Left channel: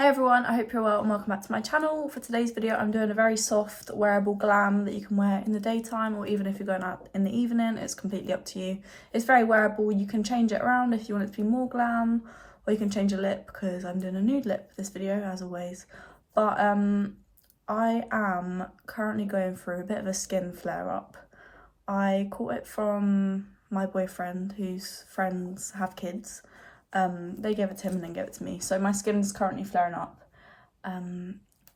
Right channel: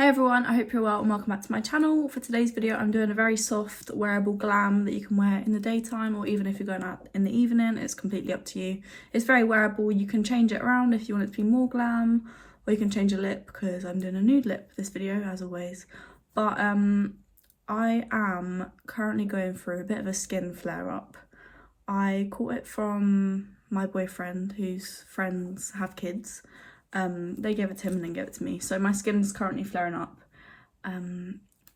Hey everyone, I hope you're well and welcome back to my channel. For today's video I'm doing a very soft wearable glam that you can wear in the daytime or even if you're going out in the evening. It's completely up to you. It's very wearable. You can change it around if you want it to be more glam, or you can change the lip because I'm doing a nude lip for this video as always. But I am currently going through a bit of a skin flare up. I caught it from my boyfriend whose friends have kids. They gave it to him and then gave it to me. So my skin's currently flaring up.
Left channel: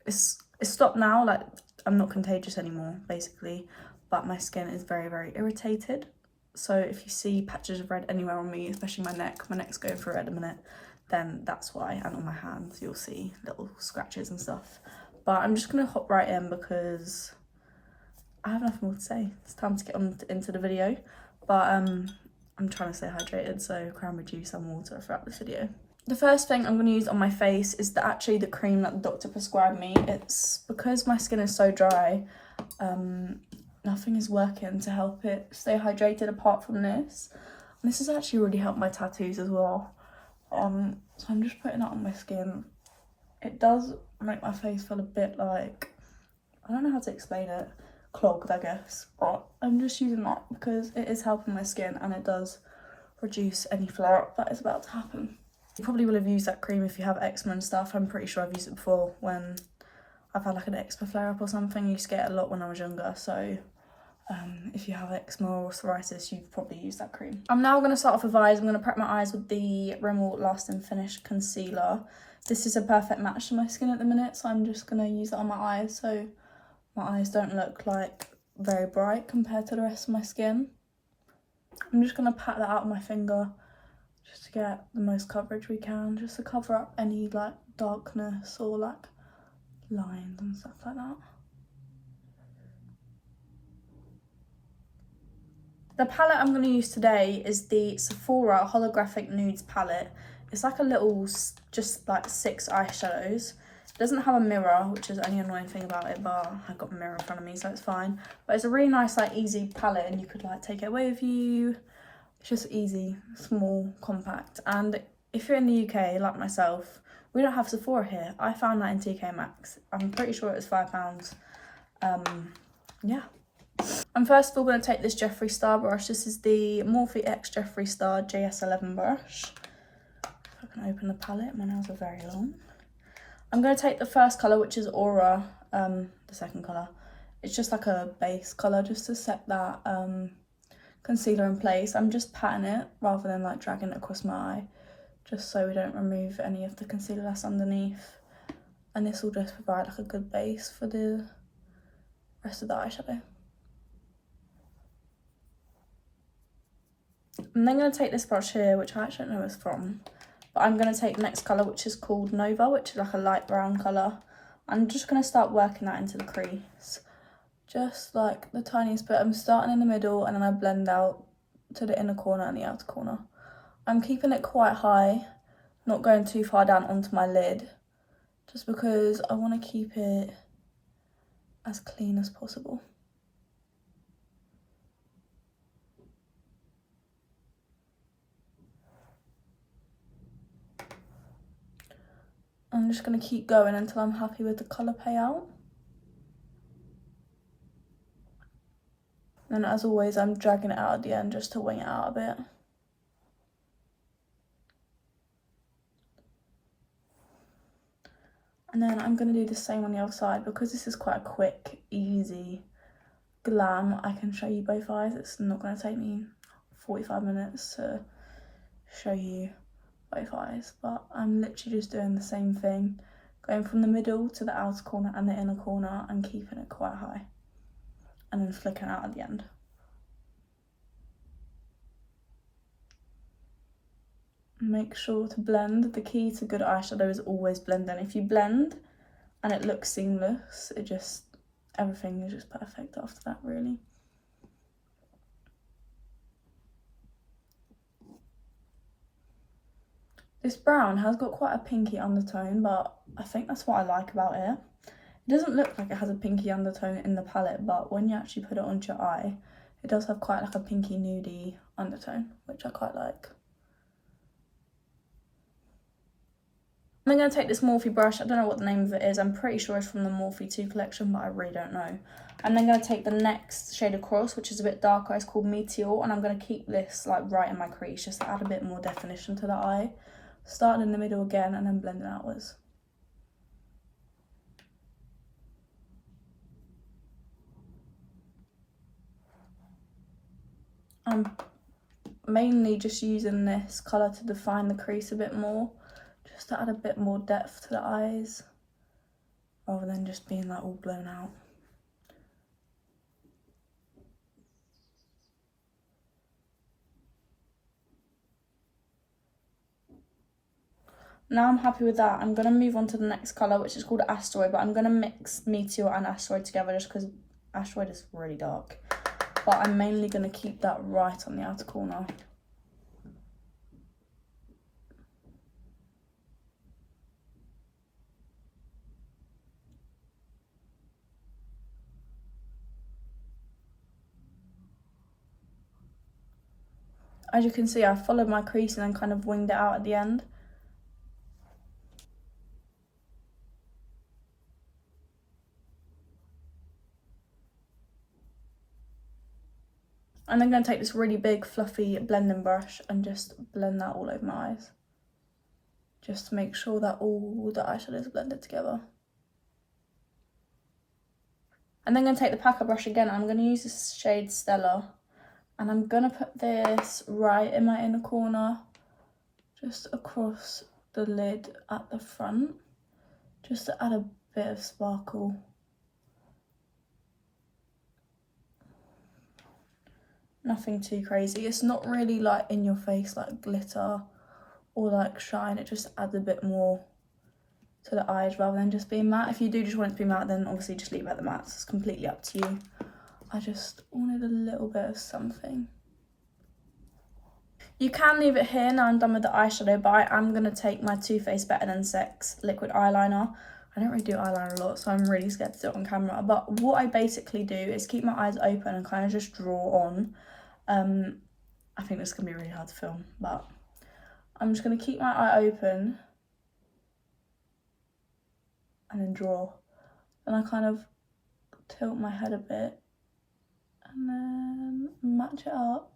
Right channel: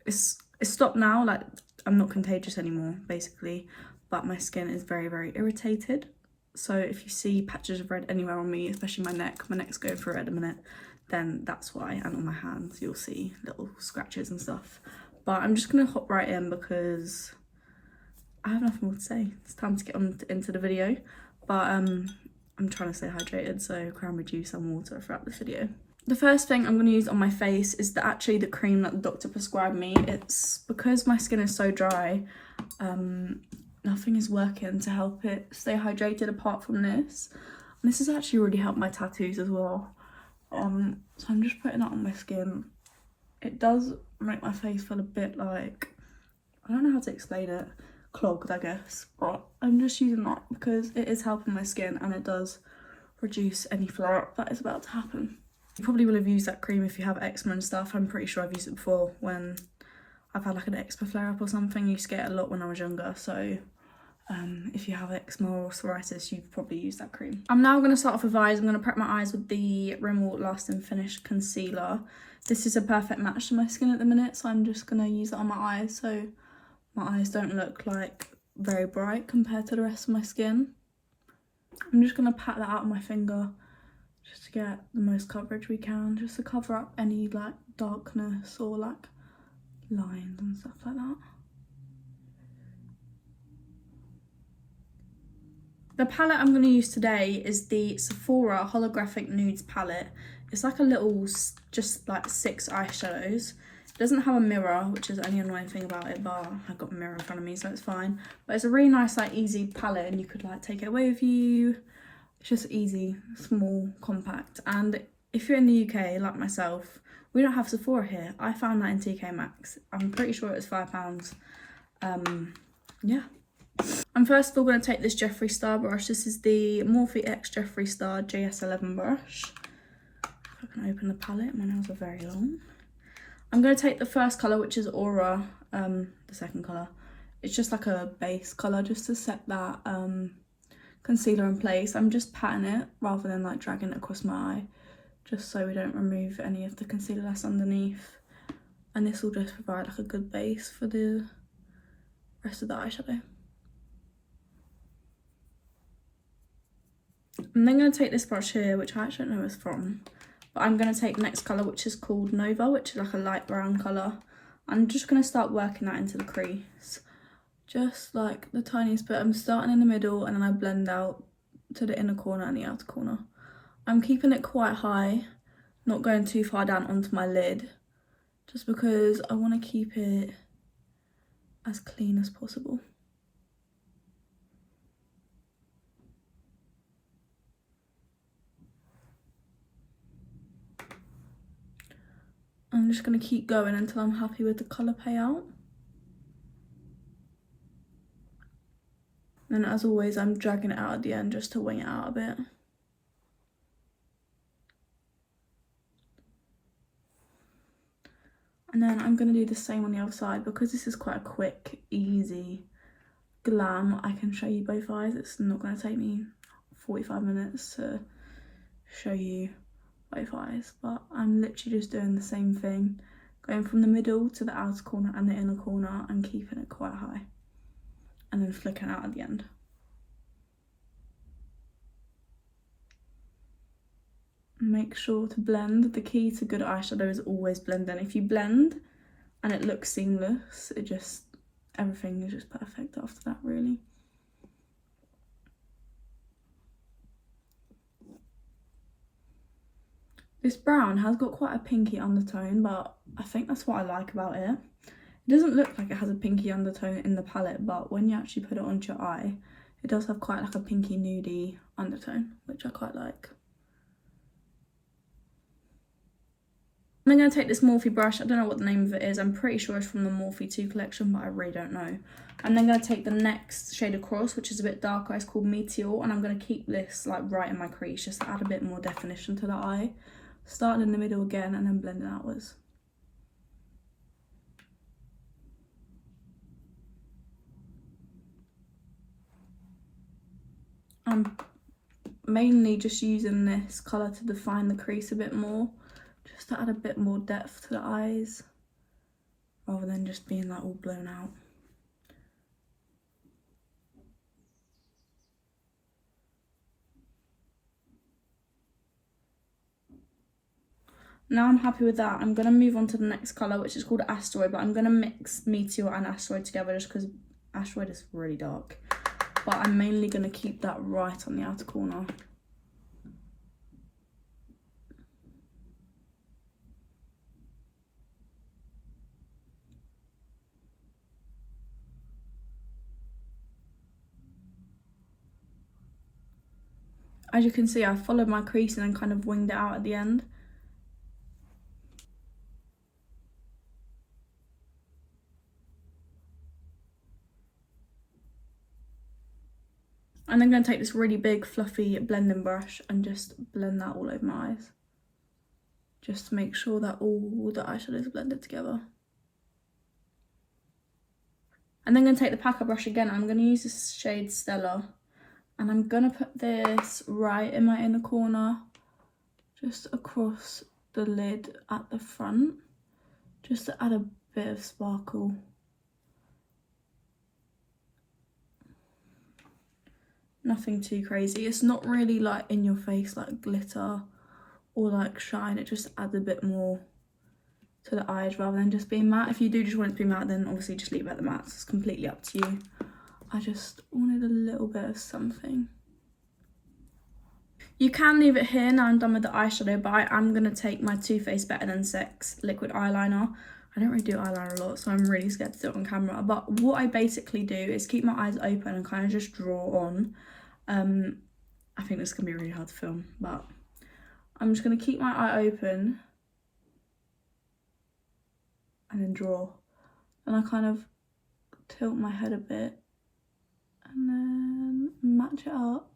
It's stopped now, like I'm not contagious anymore basically, but my skin is very, very irritated. So if you see patches of red anywhere on me, especially my neck's going through it at the minute, then that's why. And on my hands you'll see little scratches and stuff. But I'm just gonna hop right in because I have nothing more to say. It's time to get on into the video. But I'm trying to stay hydrated, so cranberry juice and water throughout this video. The first thing I'm going to use on my face is actually the cream that the doctor prescribed me. It's because my skin is so dry, nothing is working to help it stay hydrated apart from this. And this has actually really helped my tattoos as well. So I'm just putting that on my skin. It does make my face feel a bit like, I don't know how to explain it, clogged I guess, but I'm just using that because it is helping my skin and it does reduce any flare up that is about to happen. You probably will have used that cream if you have eczema and stuff. I'm pretty sure I've used it before when I've had like an eczema flare up or something. I used to get it a lot when I was younger, so if you have eczema or psoriasis you've probably used that cream. I'm now going to start off with eyes. I'm going to prep my eyes with the Rimmel Lasting Finish concealer. This is a perfect match to my skin at the minute, so I'm just going to use it on my eyes so my eyes don't look like very bright compared to the rest of my skin. I'm just going to pat that out with my finger just to get the most coverage we can, just to cover up any like darkness or like lines and stuff like that. The palette I'm going to use today is the Sephora Holographic Nudes palette. It's like a little, just like 6 eyeshadows. It doesn't have a mirror, which is the only annoying thing about it, but I've got a mirror in front of me, so it's fine. But it's a really nice, like, easy palette, and you could, like, take it away with you. It's just easy, small, compact. And if you're in the UK, like myself, we don't have Sephora here. I found that in TK Maxx. I'm pretty sure it was £5. Yeah. I'm first of all going to take this Jeffree Star brush. This is the Morphe X Jeffree Star JS11 brush. If I can open the palette, my nails are very long. I'm going to take the first colour, which is Aura, the second colour. It's just like a base colour just to set that concealer in place. I'm just patting it rather than like dragging it across my eye, just so we don't remove any of the concealer that's underneath. And this will just provide like a good base for the rest of the eyeshadow. I'm then going to take this brush here, which I actually don't know where it's from. But I'm going to take the next colour, which is called Nova, which is like a light brown colour. I'm just going to start working that into the crease. Just like the tiniest bit. I'm starting in the middle and then I blend out to the inner corner and the outer corner. I'm keeping it quite high, not going too far down onto my lid, just because I want to keep it as clean as possible. I'm just going to keep going until I'm happy with the colour payout. And as always, I'm dragging it out at the end just to wing it out a bit. And then I'm going to do the same on the other side. Because this is quite a quick, easy glam, I can show you both eyes. It's not going to take me 45 minutes to show you both eyes, but I'm literally just doing the same thing, going from the middle to the outer corner and the inner corner and keeping it quite high, and then flicking out at the end. Make sure to blend. The key to good eyeshadow is always blending. If you blend and it looks seamless, everything is just perfect after that, really. This brown has got quite a pinky undertone, but I think that's what I like about it. It doesn't look like it has a pinky undertone in the palette, but when you actually put it onto your eye, it does have quite like a pinky nudie undertone, which I quite like. I'm going to take this Morphe brush. I don't know what the name of it is. I'm pretty sure it's from the Morphe 2 collection, but I really don't know. I'm then going to take the next shade across, which is a bit darker. It's called Meteor, and I'm going to keep this like right in my crease just to add a bit more definition to the eye. Starting in the middle again and then blending outwards. I'm mainly just using this colour to define the crease a bit more, just to add a bit more depth to the eyes, rather than just being like all blown out. Now I'm happy with that, I'm going to move on to the next colour, which is called Asteroid, but I'm going to mix Meteor and Asteroid together just because Asteroid is really dark. But I'm mainly going to keep that right on the outer corner. As you can see, I followed my crease and then kind of winged it out at the end. And I'm going to take this really big fluffy blending brush and just blend that all over my eyes. Just to make sure that all the eyeshadow is blended together. And then I'm going to take the packer brush again. I'm going to use this shade Stella. And I'm going to put this right in my inner corner. Just across the lid at the front. Just to add a bit of sparkle. Nothing too crazy. It's not really like in your face like glitter or like shine. It just adds a bit more to the eyes rather than just being matte. If you do just want it to be matte, then obviously just leave it at the matte. It's completely up to you. I just wanted a little bit of something. You can leave it here. Now I'm done with the eyeshadow, but I am going to take my Too Faced Better Than Sex liquid eyeliner. I don't really do eyeliner a lot, so I'm really scared to do it on camera. But what I basically do is keep my eyes open and kind of just draw on. I think this can be really hard to film, but I'm just going to keep my eye open and then draw. And I kind of tilt my head a bit and then match it up.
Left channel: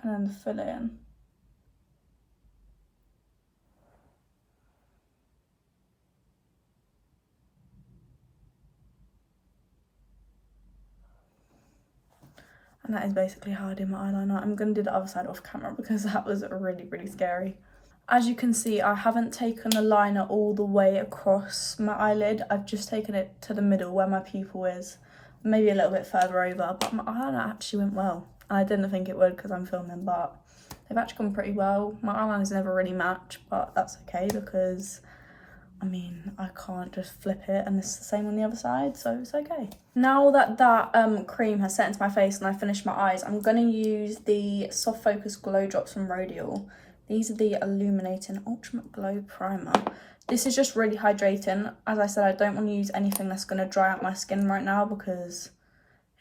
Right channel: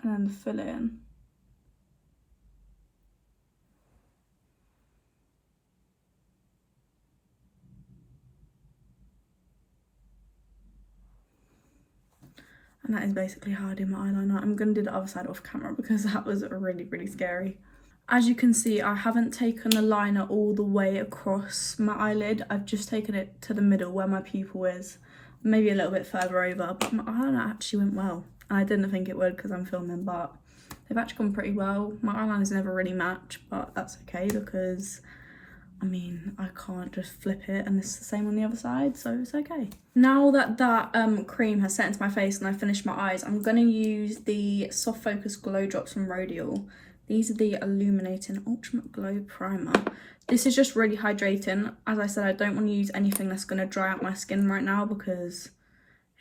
And then fill it in. And that is basically how I do my eyeliner. I'm going to do the other side off camera because that was really, really scary. As you can see, I haven't taken the liner all the way across my eyelid. I've just taken it to the middle where my pupil is. Maybe a little bit further over, but my eyeliner actually went well. And I didn't think it would because I'm filming, but they've actually gone pretty well. My eyeliner's never really match, but that's okay because I mean, I can't just flip it and it's the same on the other side, so it's okay. Now that that cream has set into my face and I finished my eyes, I'm going to use the Soft Focus Glow Drops from Rodial. These are the Illuminating Ultimate Glow Primer. This is just really hydrating. As I said, I don't want to use anything that's going to dry out my skin right now because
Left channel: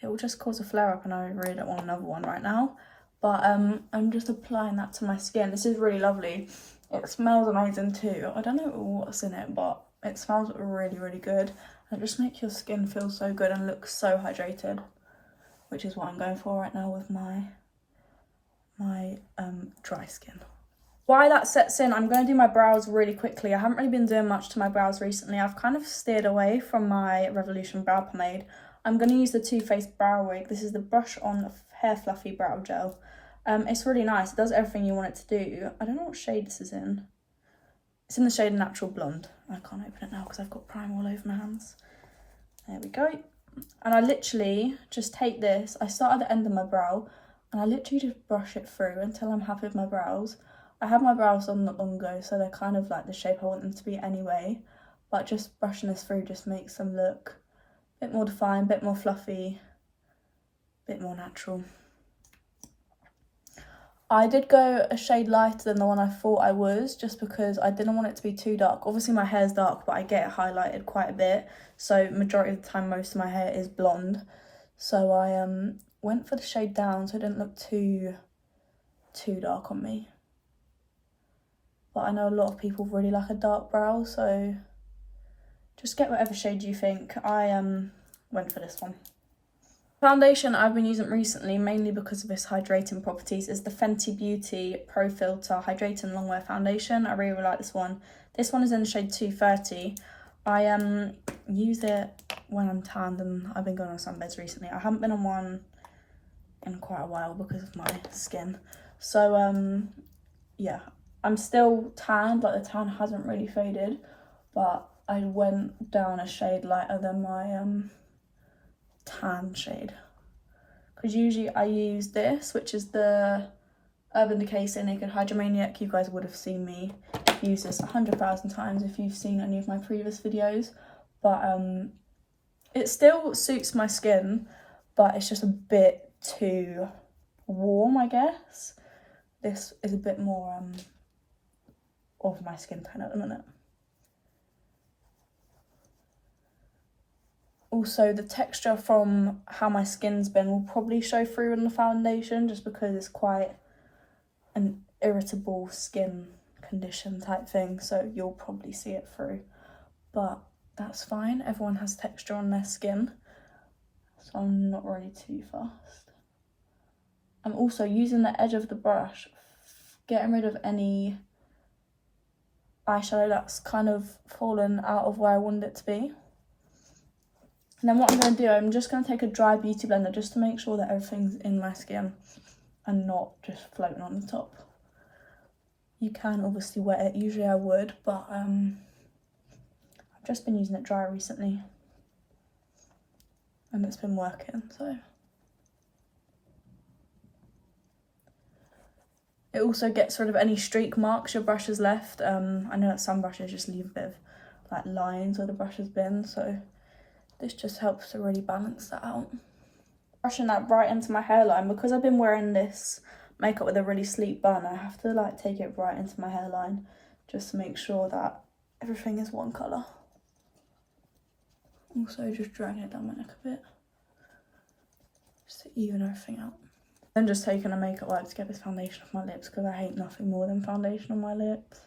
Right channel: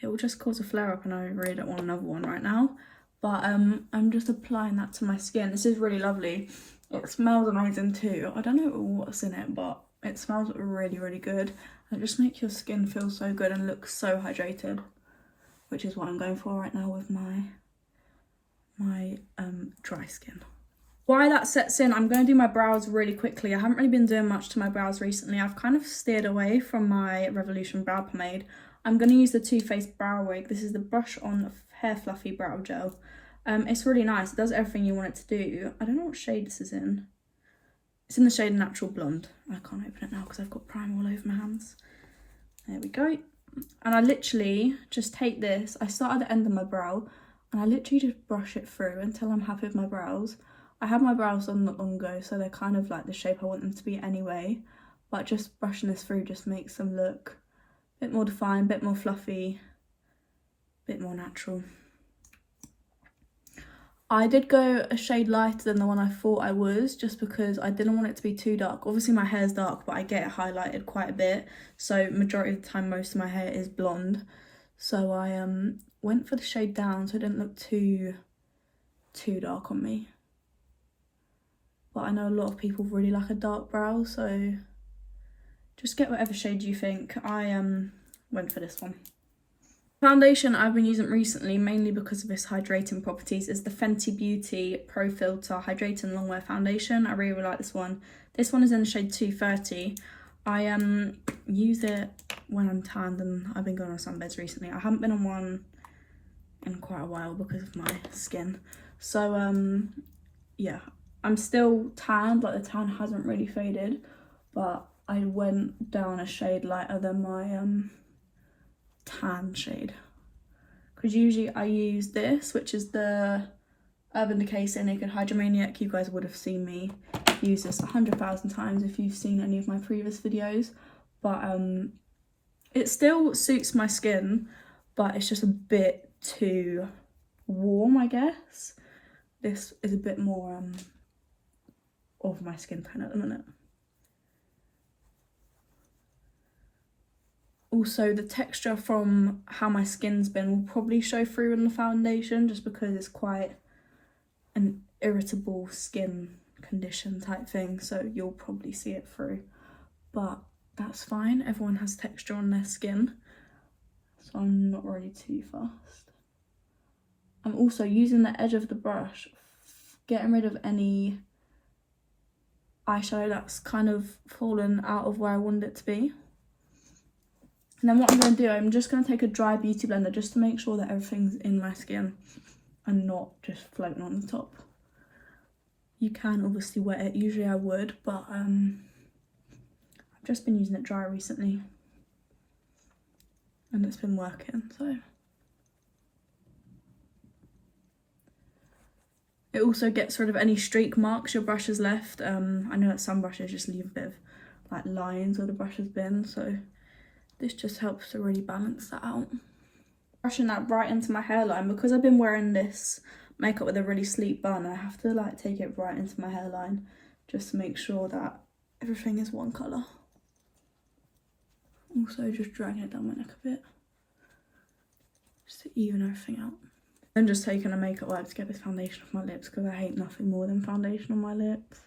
it will just cause a flare-up and I really don't want another one right now. But I'm just applying that to my skin. This is really lovely. It smells amazing too. I don't know what's in it, but it smells really, really good. And it just makes your skin feel so good and look so hydrated, which is what I'm going for right now with my dry skin. While that sets in, I'm going to do my brows really quickly. I haven't really been doing much to my brows recently. I've kind of steered away from my Revolution brow pomade. I'm going to use the Too Faced Brow Wig. This is the Brush On Hair Fluffy Brow Gel. It's really nice. It does everything you want it to do. I don't know what shade this is in. It's in the shade Natural Blonde. I can't open it now because I've got primer all over my hands. There we go. And I literally just take this. I start at the end of my brow and I literally just brush it through until I'm happy with my brows. I had my brows on not long ago, so they're kind of like the shape I want them to be anyway. But just brushing this through just makes them look a bit more defined, a bit more fluffy, a bit more natural. I did go a shade lighter than the one I thought I was, just because I didn't want it to be too dark. Obviously my hair's dark, but I get it highlighted quite a bit. So majority of the time, most of my hair is blonde. So I went for the shade down so it didn't look too too dark on me. But I know a lot of people really like a dark brow, so just get whatever shade you think. I went for this one. Foundation I've been using recently, mainly because of its hydrating properties, is the Fenty Beauty Pro Filter Hydrating Longwear Foundation. I really like this one. This one is in the shade 230. I use it when I'm tanned, and I've been going on sunbeds recently. I haven't been on one in quite a while because of my skin. So yeah, I'm still tanned, like the tan hasn't really faded, but I went down a shade lighter than my tan shade, because usually I use this, which is the Urban Decay Stay Naked Hydromaniac. You guys would have seen me use this 100,000 times if you've seen any of my previous videos, but it still suits my skin, but it's just a bit too warm, I guess. This is a bit more of my skin tone at the minute. Also, the texture from how my skin's been will probably show through in the foundation, just because it's quite an irritable skin condition type thing, so you'll probably see it through, but that's fine. Everyone has texture on their skin, so I'm not really too fussed. I'm also using the edge of the brush, getting rid of any eyeshadow that's kind of fallen out of where I wanted it to be. And then what I'm going to do, I'm just going to take a dry beauty blender just to make sure that everything's in my skin and not just floating on the top. You can obviously wet it, usually I would, but I've just been using it dry recently and it's been working, so. It also gets rid of any streak marks your brush has left. I know that some brushes just leave a bit of like lines where the brush has been, so this just helps to really balance that out. Brushing that right into my hairline, because I've been wearing this makeup with a really sleek bun, I have to like take it right into my hairline just to make sure that everything is one colour. Also just dragging it down my neck a bit, just to even everything out. Then just taking a makeup wipe to get this foundation off my lips, because I hate nothing more than foundation on my lips.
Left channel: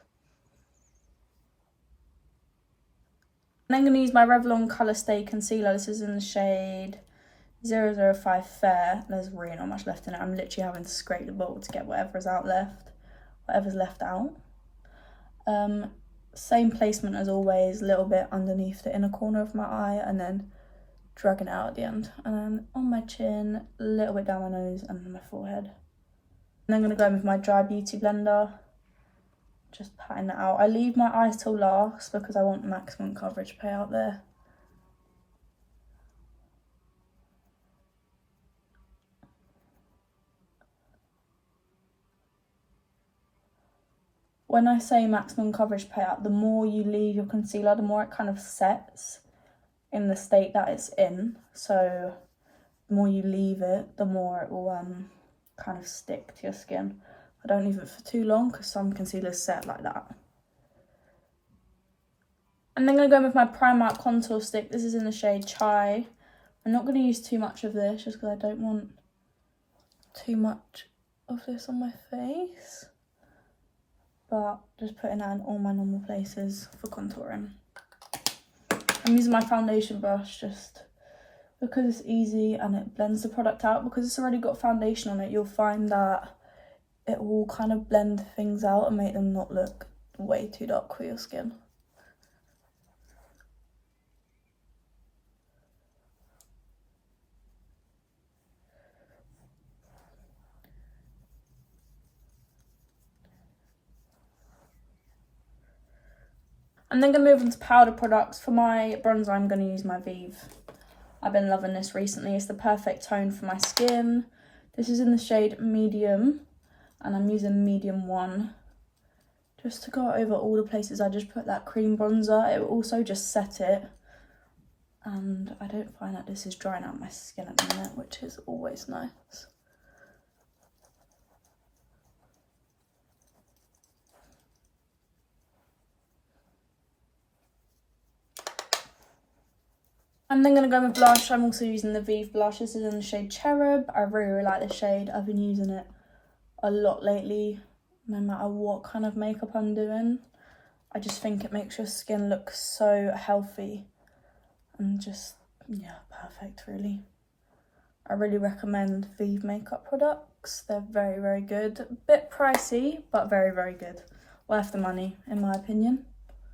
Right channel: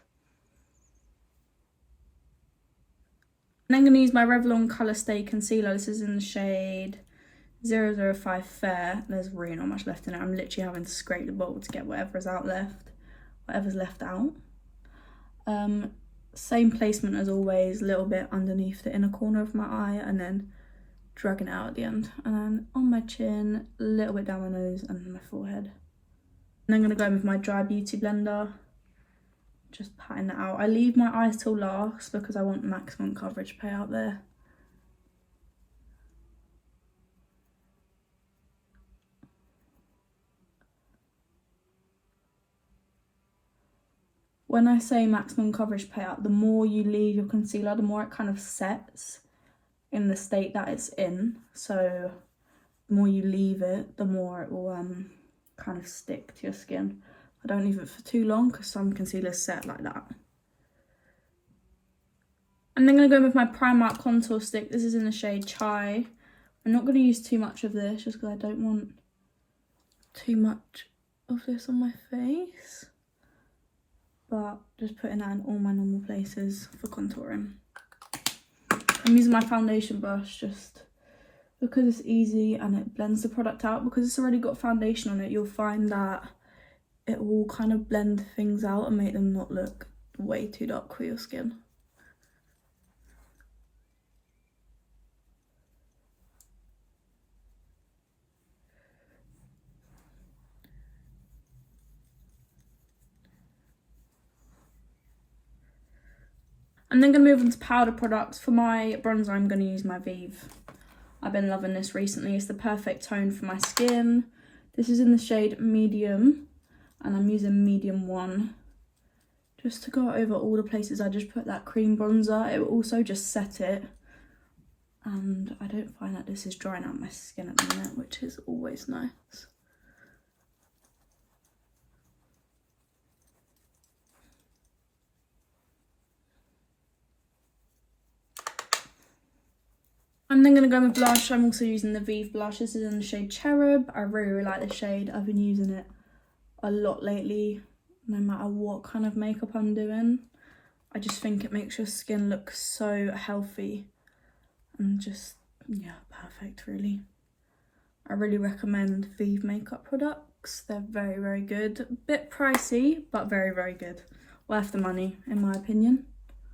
And then I'm going to use my Revlon Colour Stay Concealer. This is in the shade 005 Fair. There's really not much left in it. I'm literally having to scrape the bottle to get whatever's left out. Same placement as always, a little bit underneath the inner corner of my eye, and then dragging it out at the end. And then on my chin, a little bit down my nose and my forehead. And I'm going to go in with my dry beauty blender, just patting that out. I leave my eyes till last because I want maximum coverage pay out there. When I say maximum coverage payout, the more you leave your concealer, the more it kind of sets in the state that it's in. So the more you leave it, the more it will kind of stick to your skin. I don't leave it for too long because some concealers set like that. And then I'm going to go in with my Primark contour stick. This is in the shade Chai. I'm not going to use too much of this just because I don't want too much of this on my face. But just putting that in all my normal places for contouring. I'm using my foundation brush just because it's easy and it blends the product out. Because it's already got foundation on it, you'll find that it will kind of blend things out and make them not look way too dark for your skin. I'm then going to move on to powder products. For my bronzer, I'm going to use my Vive. I've been loving this recently. It's the perfect tone for my skin. This is in the shade Medium, and I'm using Medium 1. Just to go over all the places I just put that cream bronzer. It will also just set it. And I don't find that this is drying out my skin at the minute, which is always nice. I'm then going to go with blush. I'm also using the Vive blush. This is in the shade Cherub. I really like this shade. I've been using it a lot lately, no matter what kind of makeup I'm doing. I just think it makes your skin look so healthy and just, yeah, perfect really. I really recommend Vive makeup products. They're very, very good. A bit pricey, but very, very good. Worth the money, in my opinion.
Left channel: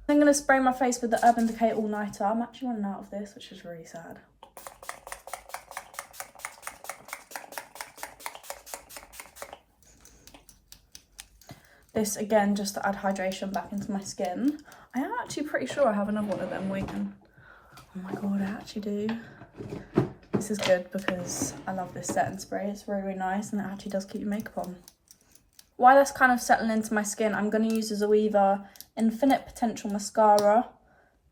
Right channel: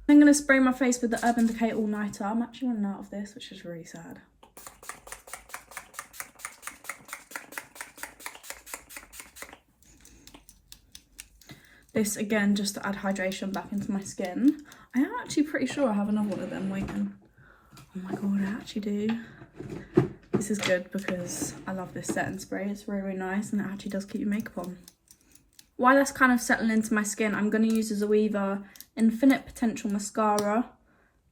I'm going to spray my face with the Urban Decay All Nighter. I'm actually running out of this, which is really sad. This, again, just to add hydration back into my skin. I am actually pretty sure I have another one of them waiting. Oh my god, I actually do. This is good because I love this setting spray. It's really, really nice and it actually does keep your makeup on. While that's kind of settling into my skin, I'm going to use the Zoeva Infinite Potential Mascara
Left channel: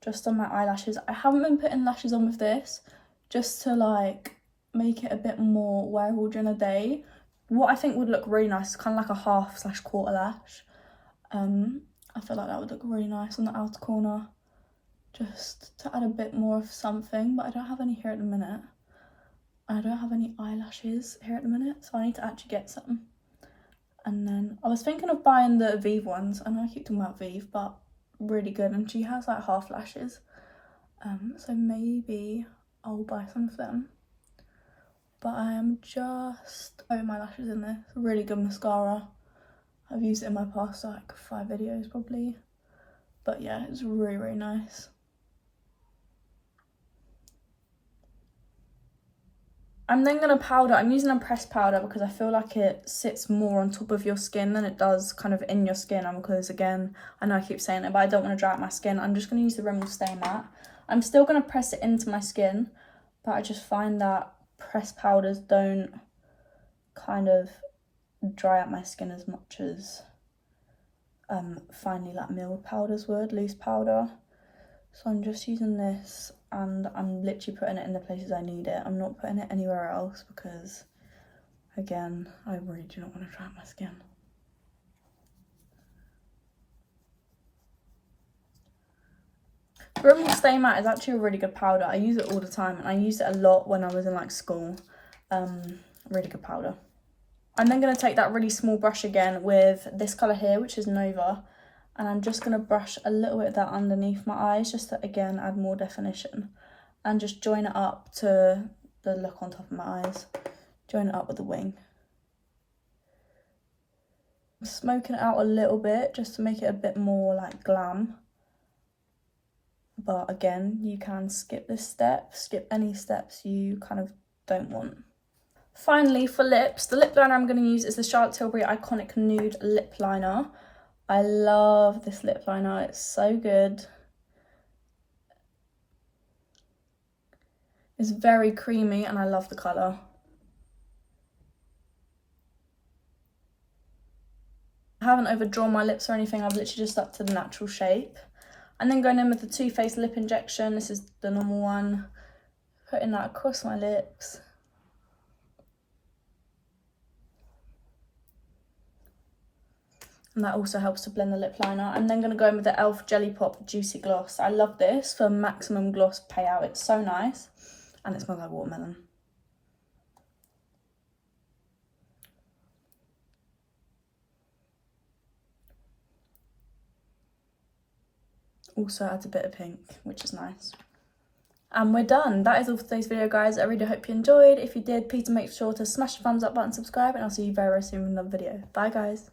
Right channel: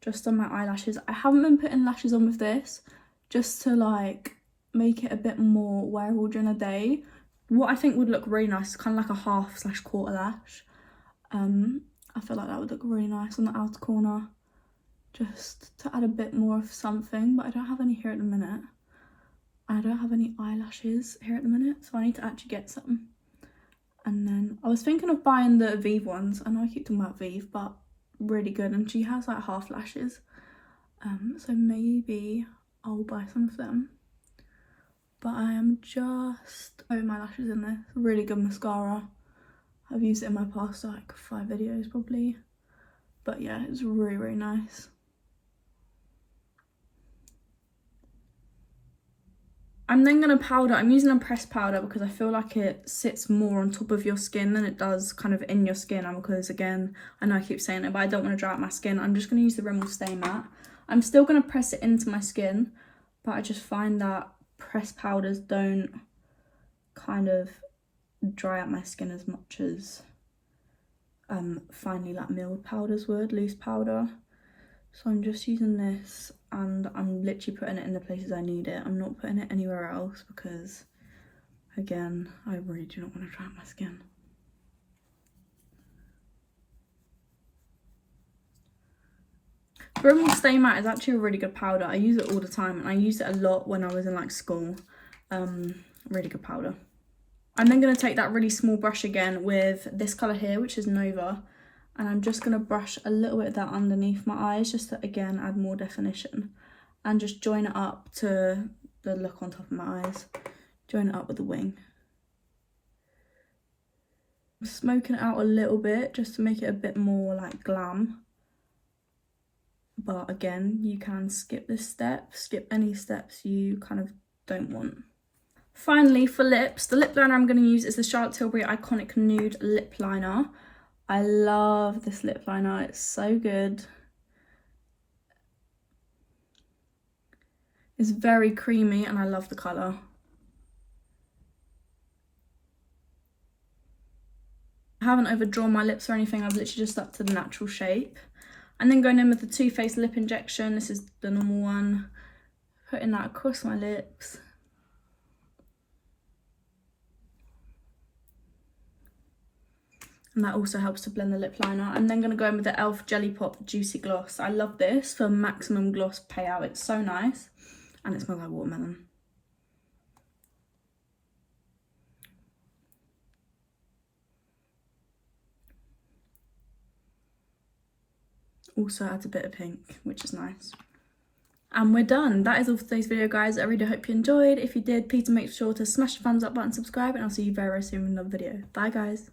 just on my eyelashes. I haven't been putting lashes on with this just to like make it a bit more wearable during the day. What I think would look really nice is kind of like a half/quarter lash. I feel like that would look really nice on the outer corner, just to add a bit more of something, but I don't have any here at the minute. I don't have any eyelashes here at the minute, so I need to actually get some. And then I was thinking of buying the Vive ones. I know I keep talking about Vive, but really good, and she has like half lashes. So maybe I'll buy some of them. But I am just over my lashes in this. Really good mascara. I've used it in my past like 5 videos probably. But yeah, it's really, really nice. I'm then going to powder. I'm using a pressed powder because I feel like it sits more on top of your skin than it does kind of in your skin. Because again, I know I keep saying it, but I don't want to dry out my skin. I'm just going to use the Rimmel Stay Matte. I'm still going to press it into my skin, but I just find that pressed powders don't kind of dry out my skin as much as finely like milled powders would, loose powder. So I'm just using this and I'm literally putting it in the places I need it. I'm not putting it anywhere else because, again, I really do not want to dry out my skin. Rimmel Stay Matte is actually a really good powder. I use it all the time and I used it a lot when I was in like school. Really good powder. I'm then going to take that really small brush again with this colour here, which is Nova. And I'm just going to brush a little bit of that underneath my eyes just to, again, add more definition. And just join it up to the look on top of my eyes. Join it up with the wing. I'm smoking it out a little bit just to make it a bit more like glam. But again, you can skip this step, skip any steps you kind of don't want. Finally, for lips, the lip liner I'm going to use is the Charlotte Tilbury Iconic Nude Lip Liner. I love this lip liner, it's so good. It's very creamy and I love the colour. I haven't overdrawn my lips or anything, I've literally just stuck to the natural shape. And then going in with the Too Faced Lip Injection, this is the normal one. Putting that across my lips. And that also helps to blend the lip liner. I'm then going to go in with the e.l.f. Jelly Pop Juicy Gloss. I love this for maximum gloss payout. It's so nice. And it smells like watermelon. Also adds a bit of pink, which is nice. And we're done. That is all for today's video, guys. I really hope you enjoyed. If you did, please make sure to smash the thumbs up button, subscribe, and I'll see you very, very soon with another video. Bye, guys.